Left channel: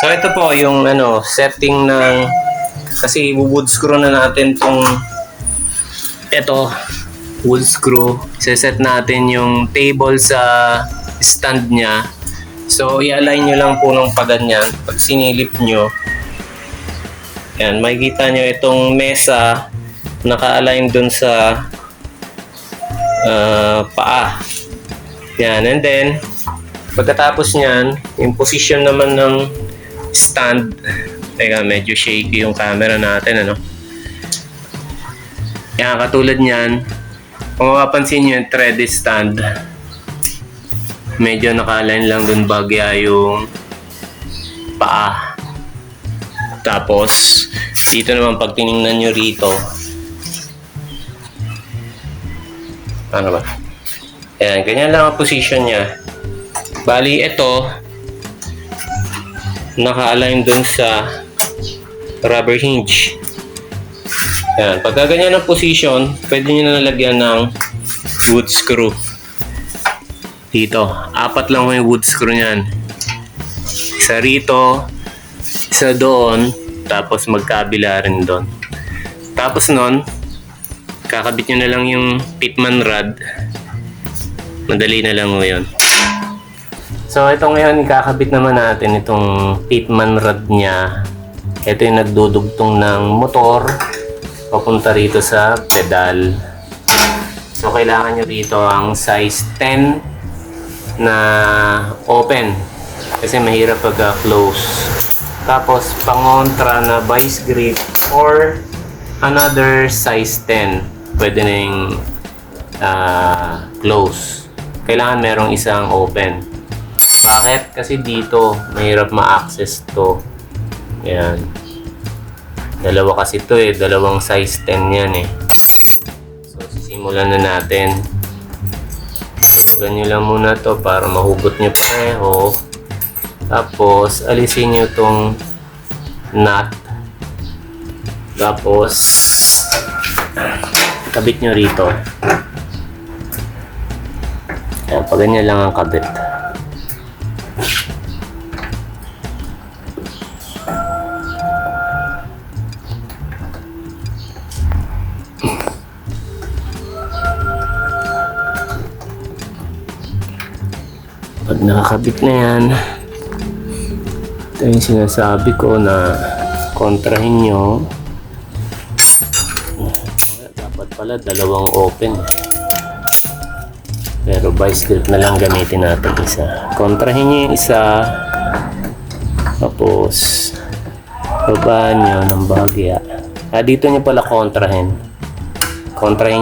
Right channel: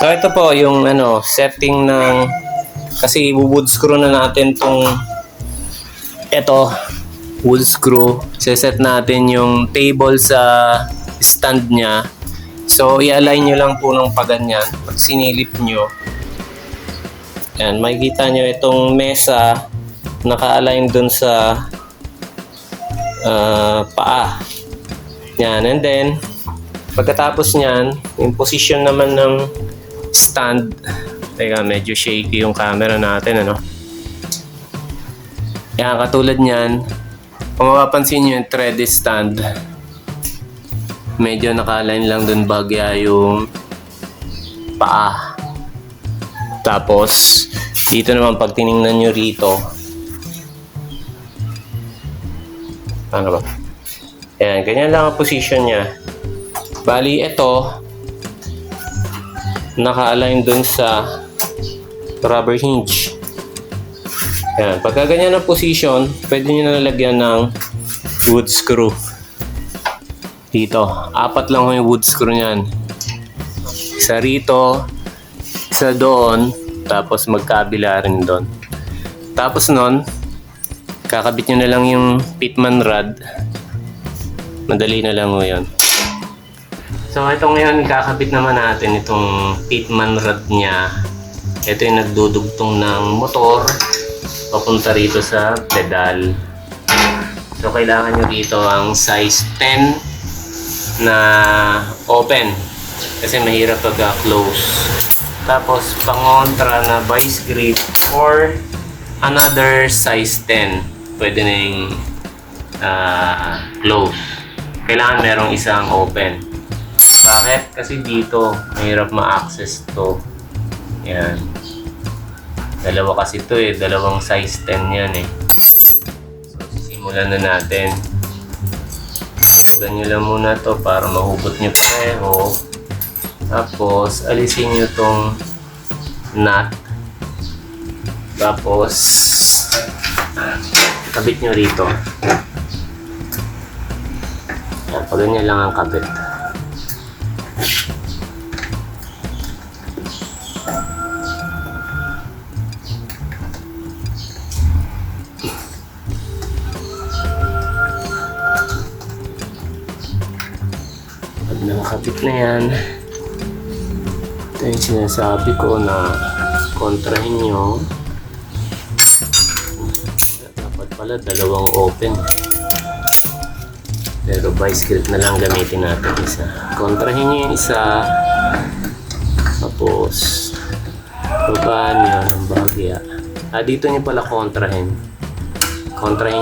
So ito po yung setting ng, kasi wood screw na natin tong wood screw. Seset natin yung table sa stand niya. So i-align nyo lang po ng paganyan. Pag sinilip nyo, yan, makikita nyo itong mesa naka-align dun sa paa. Yan, and then pagkatapos nyan, yung position naman ng stand, teka, medyo shaky yung camera natin, yan, katulad nyan, kung mapapansin nyo yung threaded stand, medyo naka-align lang dun bagya yung paa. Tapos dito naman pag tinignan nyo rito, yan, ganyan lang ang position nya. Bali ito naka-align dun sa rubber hinge. Yan, pagka ganyan ang position, pwede nyo na nalagyan ng wood screw. Dito, 4 lang yung wood screw nyan. Isa rito, isa doon, tapos magkabila rin doon. Tapos nun, kakabit nyo na lang yung pitman rod. Madali na lang ngayon. So ito ngayon, kakabit naman natin itong pitman rod nya. Ito yung nagdudugtong ng motor papunta rito sa pedal. So kailangan nyo rito ang size 10 na open kasi mahirap pag close. Tapos pangontra na vice grip or another size 10, pwede na yung close. Kailangan merong isang open. Bakit? Kasi dito mahirap ma-access to. Yan, dalawa kasi to dalawang size 10 yan So sisimulan na natin. Ilagyan nyo lang muna to para mahugot nyo pareho. Tapos alisin nyo tong nut. Tapos kabit nyo rito. Ayan, pag ganyan lang ang kabit. Pag nakakabit na yan, ito yung sinasabi ko na kontrahin nyo. Dapat pala dalawang open, pero vice grip na lang gamitin natin isa. Kontrahin nyo yung isa, tapos babaan nyo ng bagya. Dito nyo pala kontrahin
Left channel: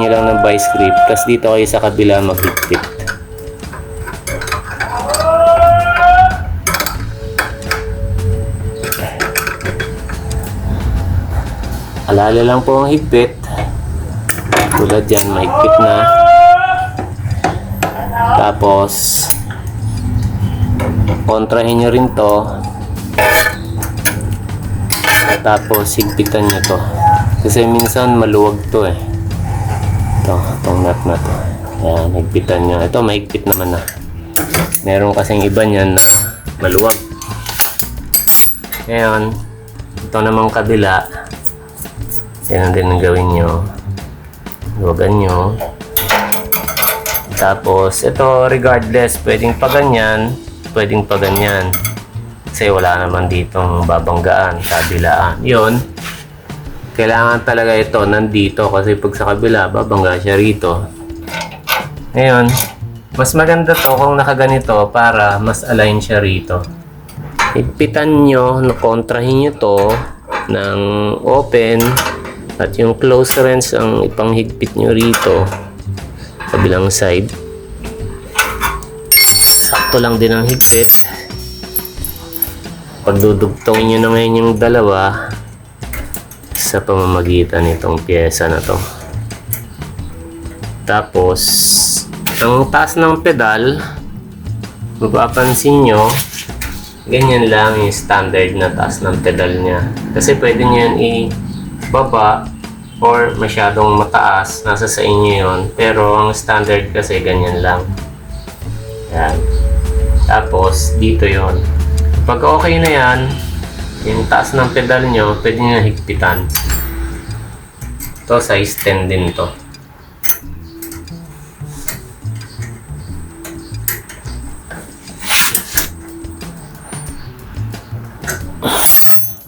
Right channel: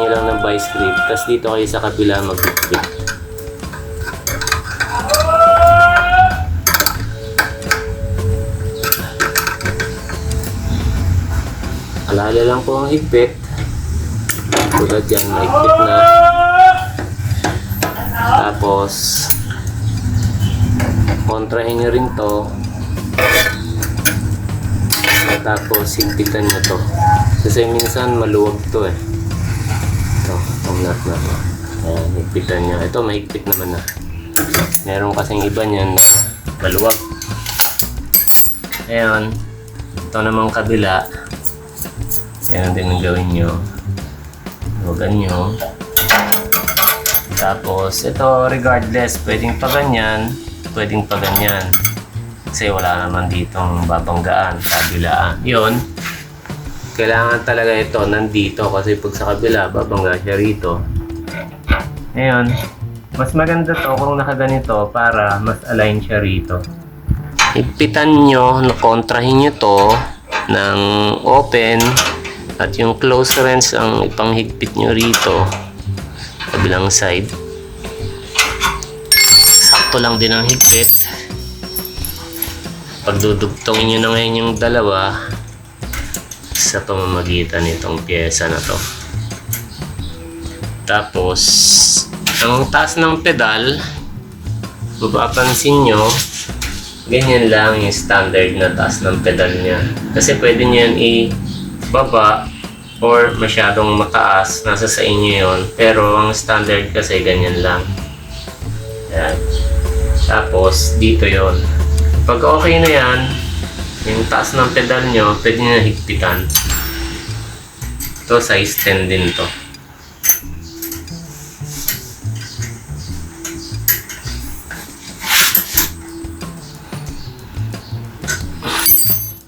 nyo lang ng vice grip, tapos dito kayo sa kabila maghigpit. Alala lang po ang higpit. Tulad yan, mahigpit na. Tapos kontrahin nyo rin to. Tapos higpitan nyo to. Kasi minsan maluwag to itong nut na to. Ayan, higpitan nyo. Ito mahigpit naman na. Meron kasing iba nyan na maluwag. Ngayon, ito namang kabila. Yan din ang gawin nyo. Luwagan nyo. Tapos ito, regardless, pwedeng pa ganyan, pwedeng pa ganyan. Kasi wala naman ditong babanggaan, kabilaan. Yun, kailangan talaga ito nandito kasi pag sa kabila, babangga siya rito. Ngayon, mas maganda to kung nakaganito para mas align siya rito. Higpitan nyo, kontrahin nyo to ng open. At yung close wrench ang ipanghigpit nyo rito kabilang side. Sakto lang din ang higpit. Pagdudugtongin nyo na ngayon yung dalawa sa pamamagitan nitong pyesa na to. Tapos ang taas ng pedal, mapapansin nyo, ganyan lang yung standard na taas ng pedal nya. Kasi pwede nyo yan baba or masyadong mataas, nasa sa inyo yon. Pero ang standard kasi ganyan lang. Yan. Tapos dito yon. Pag okay na yan, Yung taas ng pedal nyo, pwede nyo higpitan. Ito, size 10 din to.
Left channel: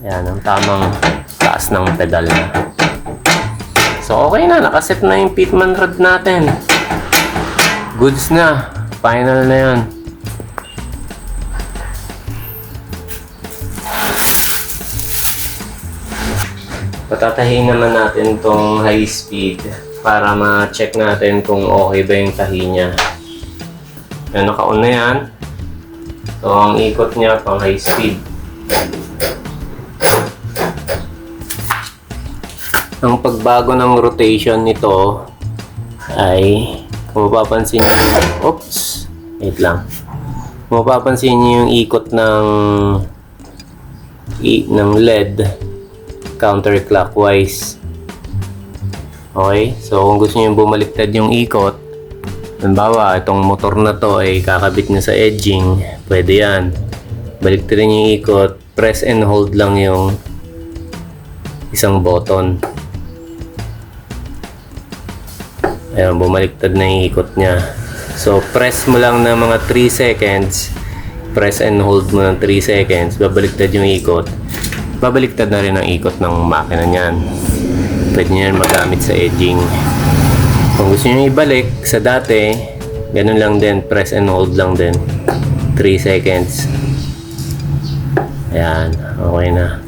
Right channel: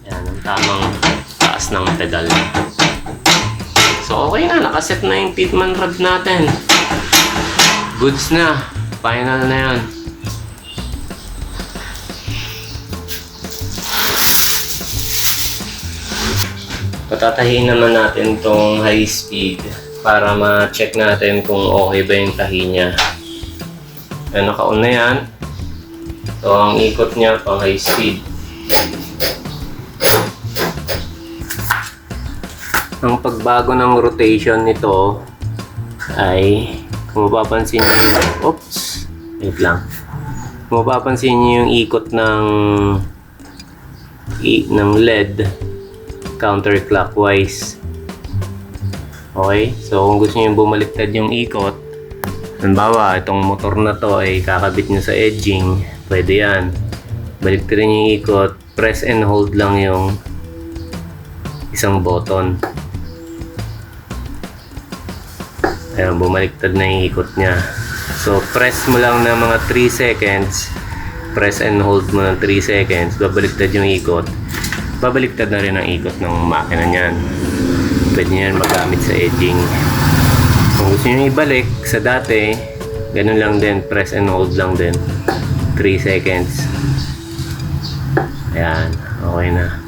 Yan, ang tamang taas ng pedal niya. So, okay na. Nakaset na yung Pitman rod natin. Goods na. Final na yun. Patatahiin naman natin tong high speed para ma-check natin kung okay ba yung tahi niya. Ayan, naka-on na yan. So, ang ikot niya pang high speed. Ang pagbago ng rotation nito ay kung mapapansin niyo, wait lang. Kung mapapansin niyo yung ikot ng LED counterclockwise. Okay? So, kung gusto niyo bumaliktad yung ikot, halimbawa, itong motor na to ay kakabit niyo sa edging, pwede yan. Baliktarin yung ikot, press and hold lang yung isang button. Ayan, bumaliktad na yung ikot niya. So, press mo lang ng mga 3 seconds. Press and hold mo ng 3 seconds. Babaliktad yung ikot. Babaliktad na rin ang ikot ng makina niyan. Pwede nyo yan magamit sa edging. Kung gusto nyo ibalik sa dati, ganun lang din. Press and hold lang din. 3 seconds. Ayan, okay na.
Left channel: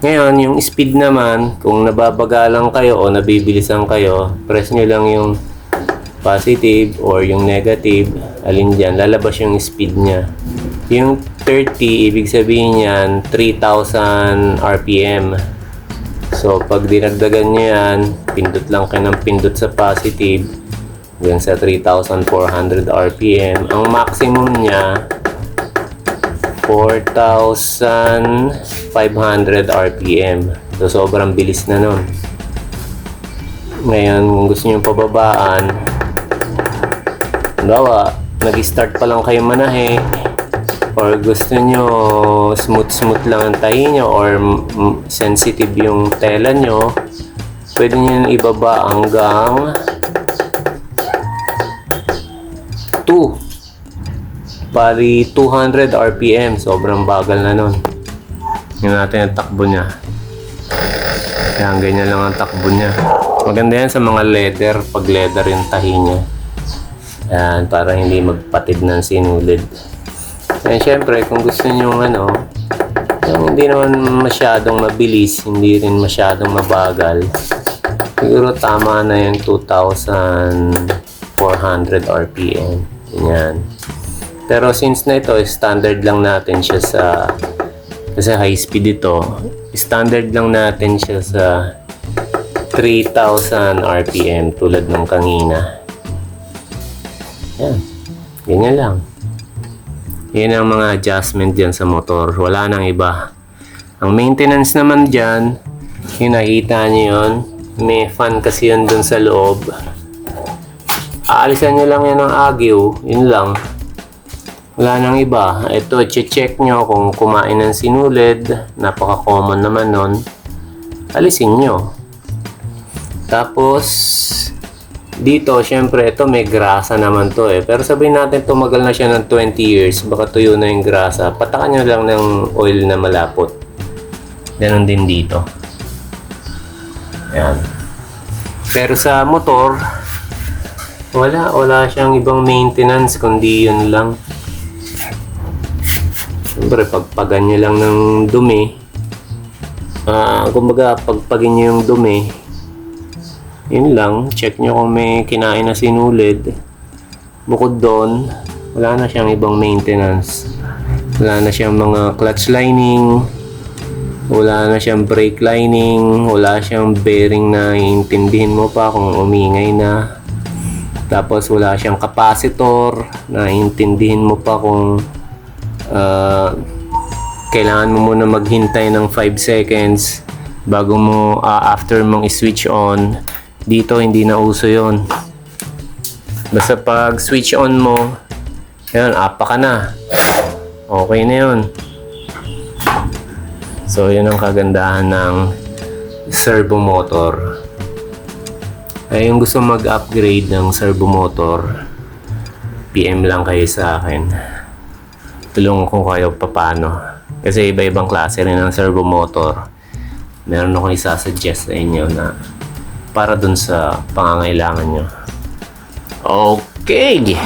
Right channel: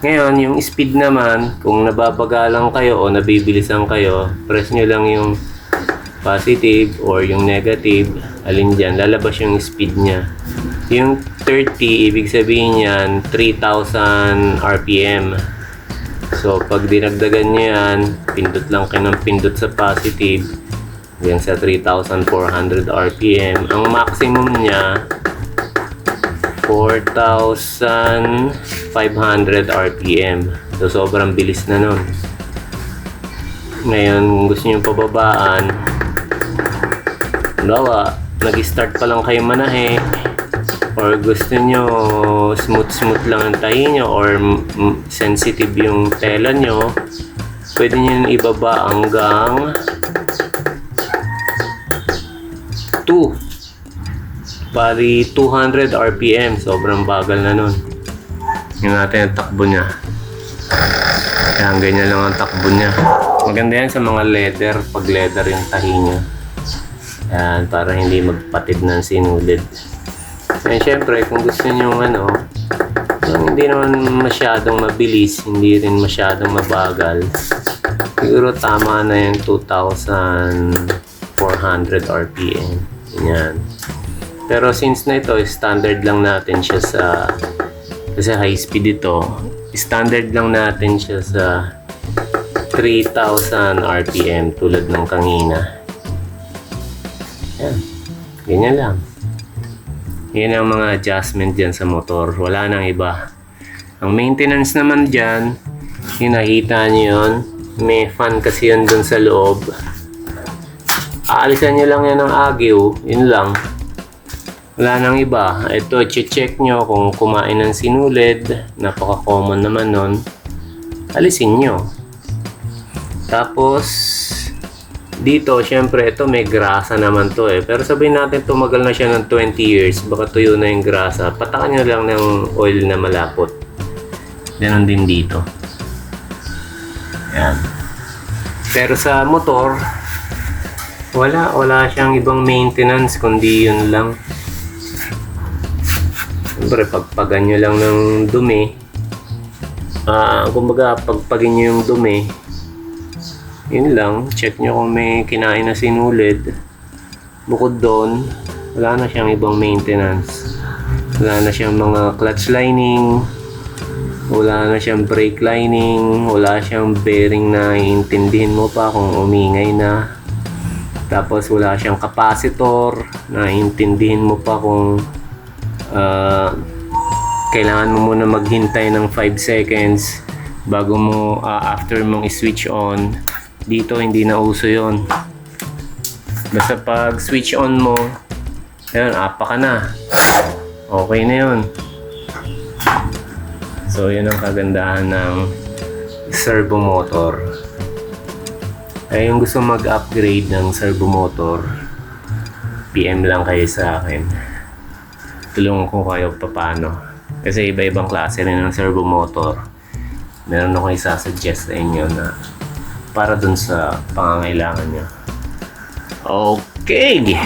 Ngayon, yung speed naman, kung nababagalan kayo o nabibilisan kayo, press nyo lang yung positive or yung negative, alin dyan, lalabas yung speed nya. Yung 30, ibig sabihin yan, 3,000 RPM. So, pag dinagdagan nyo yan, pindot lang kayo ng pindot sa positive, yan sa 3,400 RPM. Ang maximum nya, 4,500 RPM. So, sobrang bilis na nun. Ngayon, kung gusto nyo pababaan, halimbawa, nag-start pa lang kayo manahe, or gusto nyo smooth lang ang tahi nyo, or sensitive yung tela nyo, pwede nyo ibaba hanggang 2. Bali 200 RPM, sobrang bagal na nun. Yun natin ang takbo niya. Kaya ganyan lang ang takbo niya. Maganda yan sa mga leather, pag leather yung tahi niya. Yan, para hindi magpatid ng sinulid. And syempre, kung gusto nyo yung hindi naman masyadong mabilis, hindi rin masyadong mabagal, siguro tama na yung 2,400 RPM. Yan. Pero since na ito, standard lang natin siya kasi high speed ito, standard lang natin siya sa 3,000 RPM tulad ng kanina. Yan. Ganyan lang. Yan ang mga adjustment dyan sa motor. Wala nang iba. Ang maintenance naman dyan, yung nakita nyo yun, may fan kasi yun dun sa loob. Aalisan nyo lang yan ng agyo. Yun lang. Wala nang iba. Ito, check nyo kung kumain ng sinulid. Napaka-common naman nun. Alisin nyo. Tapos, dito, syempre, ito may grasa naman to eh. Pero sabihin natin, tumagal na siya ng 20 years. Baka tuyo na yung grasa. Patakan nyo lang ng oil na malapot. Ganon din dito. Ayan. Pero sa motor, wala siyang ibang maintenance kundi yun lang. Siyempre, pagpagan nyo lang ng dumi. Kumbaga, pagpagin nyo yung dumi, yun lang, check nyo kung may kinain na sinulid. Bukod doon, wala na siyang ibang maintenance. Wala na siyang mga clutch lining, wala na siyang brake lining, wala siyang bearing na iintindihin mo pa kung umingay na. Tapos wala siyang capacitor na iintindihin mo pa kung kailangan mo muna maghintay ng 5 seconds bago mo after mong i-switch on. Dito hindi na uso yon. Basta pag switch on mo, yun, apa ka na. Okay na yun. So, yun ang kagandahan ng servo motor. Ay, yung gusto mag-upgrade ng servo motor, PM lang kayo sa akin. Tulungan ko kayo paano. Kasi iba-ibang klase rin ng servo motor. Meron akong isasuggest sa inyo na para dun sa pangangailangan nyo. Okay!